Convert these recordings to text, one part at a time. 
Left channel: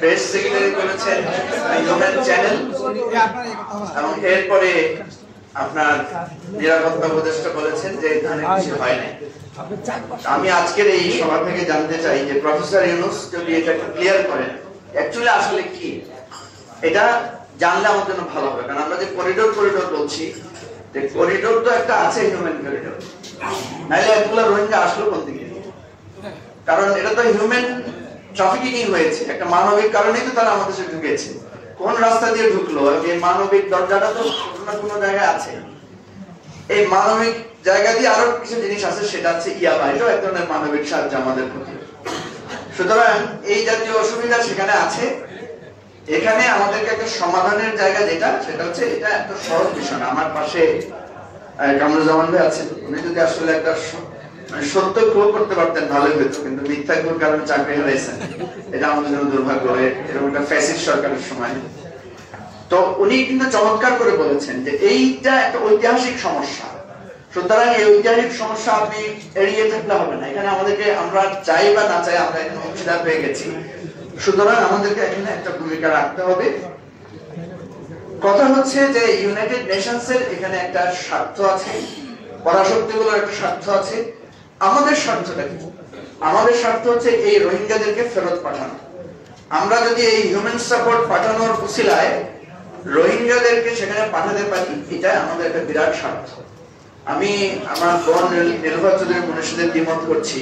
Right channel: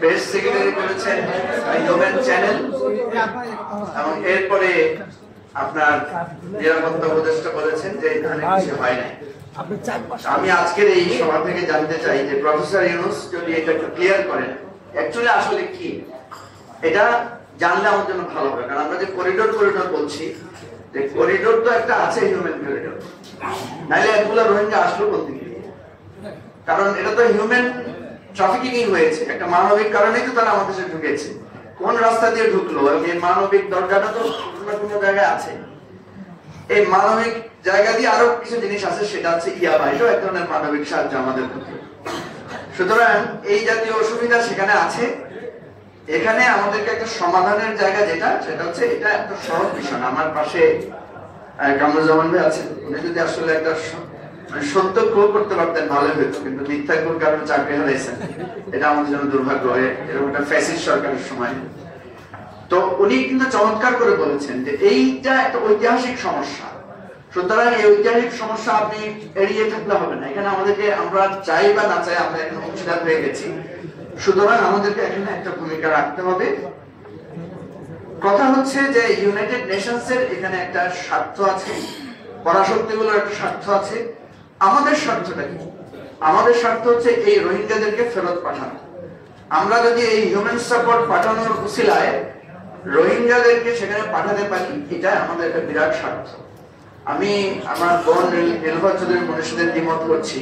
Press secretary করেছেন human channel, এবং এরপরে আপনার নিরাপত্তা উপদেষ্টা বলেছেন যে এখানে কিছু হয় না। আমি আজকের এই সভা থেকে জানতে চাই যে প্রফেসর ইউনূস যদি এটা একটু ক্লিয়ার করেন অ্যাকচুয়ালি আসলে কি, এটা জানলে আমার জন্য ভালো হবে। কারণ আমরা যে করিডোর বলছি, যে করিডোর তো একটা আছে হিউম্যান করিডোর, নাহলে এতগুলো রোহিঙ্গা আসলো কোন দিকে? কারণ এটা তো হিউম্যান ট্রাফিকিং হয়েছে, একটা মানবিক কারণেই তো তারা আমাদের দেশে ঢুকেছে। কোন রাস্তা দিয়ে ঢুকলো, এই মানবিক দরজাটা তো কোনো জায়গায় আছে। এই মানবিক জায়গা দিয়ে আরো কিছু জিনিস আছে, সেটা আছে ইয়াবা, এটাও এক ধরনের মানবিক সাহায্য আমাদের পক্ষে। সুতরাং এই জাতীয় অসুবিধা সেখানে আছে। এখানে আমাদেরকে একটা সমাধানের জায়গা যেটা, সেটা হচ্ছে এটা এত সহজ বিষয় না। আমার পাশে কামরুজ্জামান ভাই আছেন, উনি যদি আসলে একটা সত্য প্রুভ করতে পারতেন ভালো হতো, কিন্তু মিথ্যা কোন কারণে চাকরি হারাইছেন, এটা আমাদের জন্য দুর্ভাগ্য। এরকম একটা ফ্যাসিস্ট সরকারের সময় তো উনি কিন্তু চমৎকার করে বলেছেন যে এইটা একটা ঐতিহাসিক সমস্যা। সুতরাং এই ঐতিহাসিক সমস্যা আপনি এড়িয়ে থাকলে হবে না। এখানে আমাদেরকে, আমরা চাই বা না চাই, আমরা এখন অংশীদার হয়ে গেছি। সুতরাং আমাদেরকে এখানে একটা ভূমিকা রাখতে হবে। কথা হচ্ছে যে ইউনাইটেড নেশনস এর এখানে একটা স্বার্থ আছে, পরাশক্তিগুলোর একটা স্বার্থ আছে। আমাদের স্বার্থটা কি? আমাদের স্বার্থ হচ্ছে এই রোহিঙ্গাদেরকে ফেরত পাঠানো। আমরা যদি এই হিউম্যান সাপোর্ট পাঠানোর উসিলায় রোহিঙ্গাদেরকে সেখানে পাঠাতে পারি, এটা আমাদের একটা বিরাট স্বার্থ। আমি আমার বোন রেলফা চৌধুরীর মনের সাথে দ্বিমত করছি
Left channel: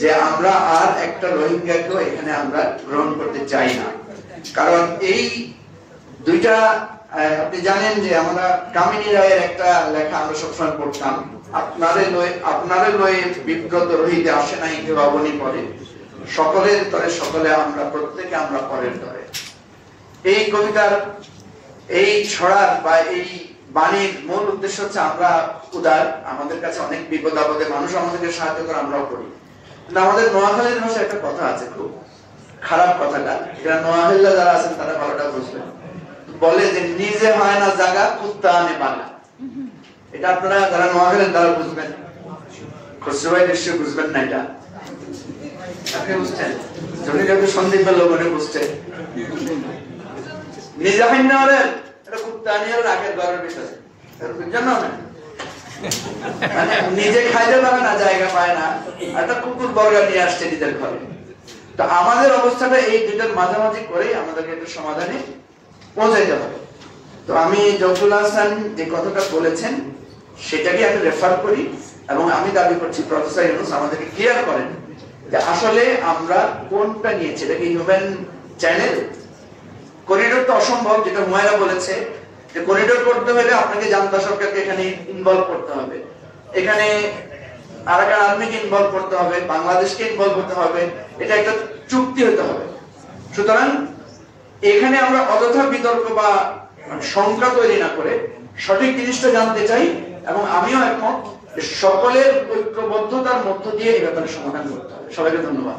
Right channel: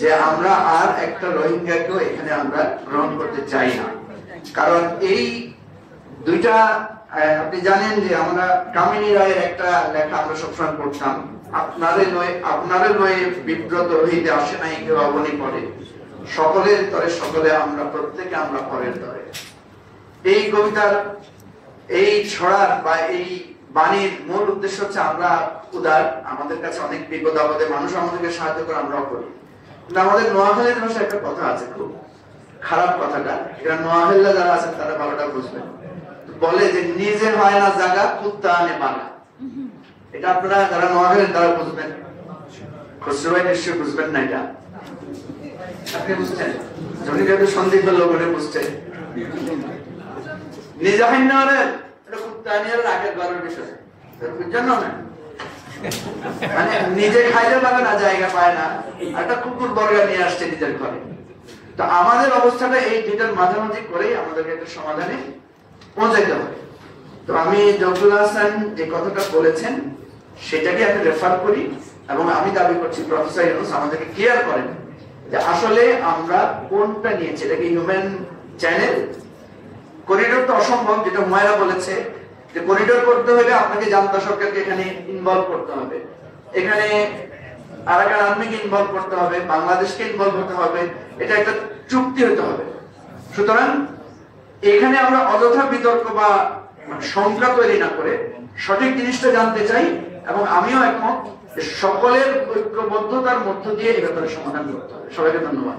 যে আমরা আর একটা রোহিঙ্গাকেও এখানে আমরা গ্রহণ করতে চাই না। কারণ এই দুইটা, আপনি জানেন যে আমরা কামিনী রায়ের একটা লেখা আমরা সবসময় পড়তাম, আপনারে লয়ে বিব্রত হইতে আসে নাই কেউ অবনী করে, সকলের তরে সকলে আমরা, প্রত্যেকে আমরা পরের তরে। এই কবিতার, এই ছড়ার বা এই বাণীর মূল উদ্দেশ্য হচ্ছে আমরা উদার, আমাদের কাছে অনেক বিপদ আপদে মানুষ আমাদেরকে সাহায্য করে, আমরাও করি। কিন্তু আমাদের নোয়াখালীর ভাষায় একটা কথা আছে, খুব খারাপ কথাটা, এটা নোয়াখালীরা যারা আছেন তারা ভালোটা বুঝবেন। বলে যে নিজে হয় না জায়গা কুত্তা আনে বালা। এটা আপনারা যারা নোয়াখালীর তারা বুঝবেন, খসরু ভাই নিশ্চয়ই বুঝবেন না। এটা আপনি বুঝছেন, সন্দীপ লোক বুঝছেন। নিজে হয় না রে, এটা কুত্তা আনি আর আগের বারের বিষয় জানো না, নিজে খাইতে পারে না, জায়গা পায় না, একটা কুকুর বর্গা নিয়ে আসছে নিজের ঘরে। তো আমাদের অবস্থাটা এই দুটার মাঝামাঝি করে আমাদেরকে একটা সমাধানে পৌঁছাইতে হবে। তো আমি জফরুল হাসান যে কথাটা বলেছেন সেটাকে আমি রেফার করি, এবং আমি দাবি করছি প্রফেসর ইউনূস আমাদেরকে ক্লিয়ার করেন যে আসলে আমরা কোনটা নিয়েছি। এটা কি হিউম্যান চ্যানেল? করিডোর তো অসম্ভব, যেটা ময়রা বলেছে যে করিডোর করতে হলে আপনাকে জান্তা সরকারকে এখানে ইনভলভ করতে হবে, এখানে আরাকান আর্মিকে ইনভলভ করতে হবে, বাংলাদেশকে ইনভলভ করতে হবে, এটা একটা চুক্তি হতে হবে। সুতরাং এখানে আমরা অযথা বিতর্ক বা সংখ্যা তৈরি না করে সঠিক জিনিসটা জানতে চাই, এবং আমিও একমত সকলের ঐক্যবদ্ধতার মধ্য দিয়ে এই ব্যাপারে সমাধান করতে হবে। সবাইকে ধন্যবাদ।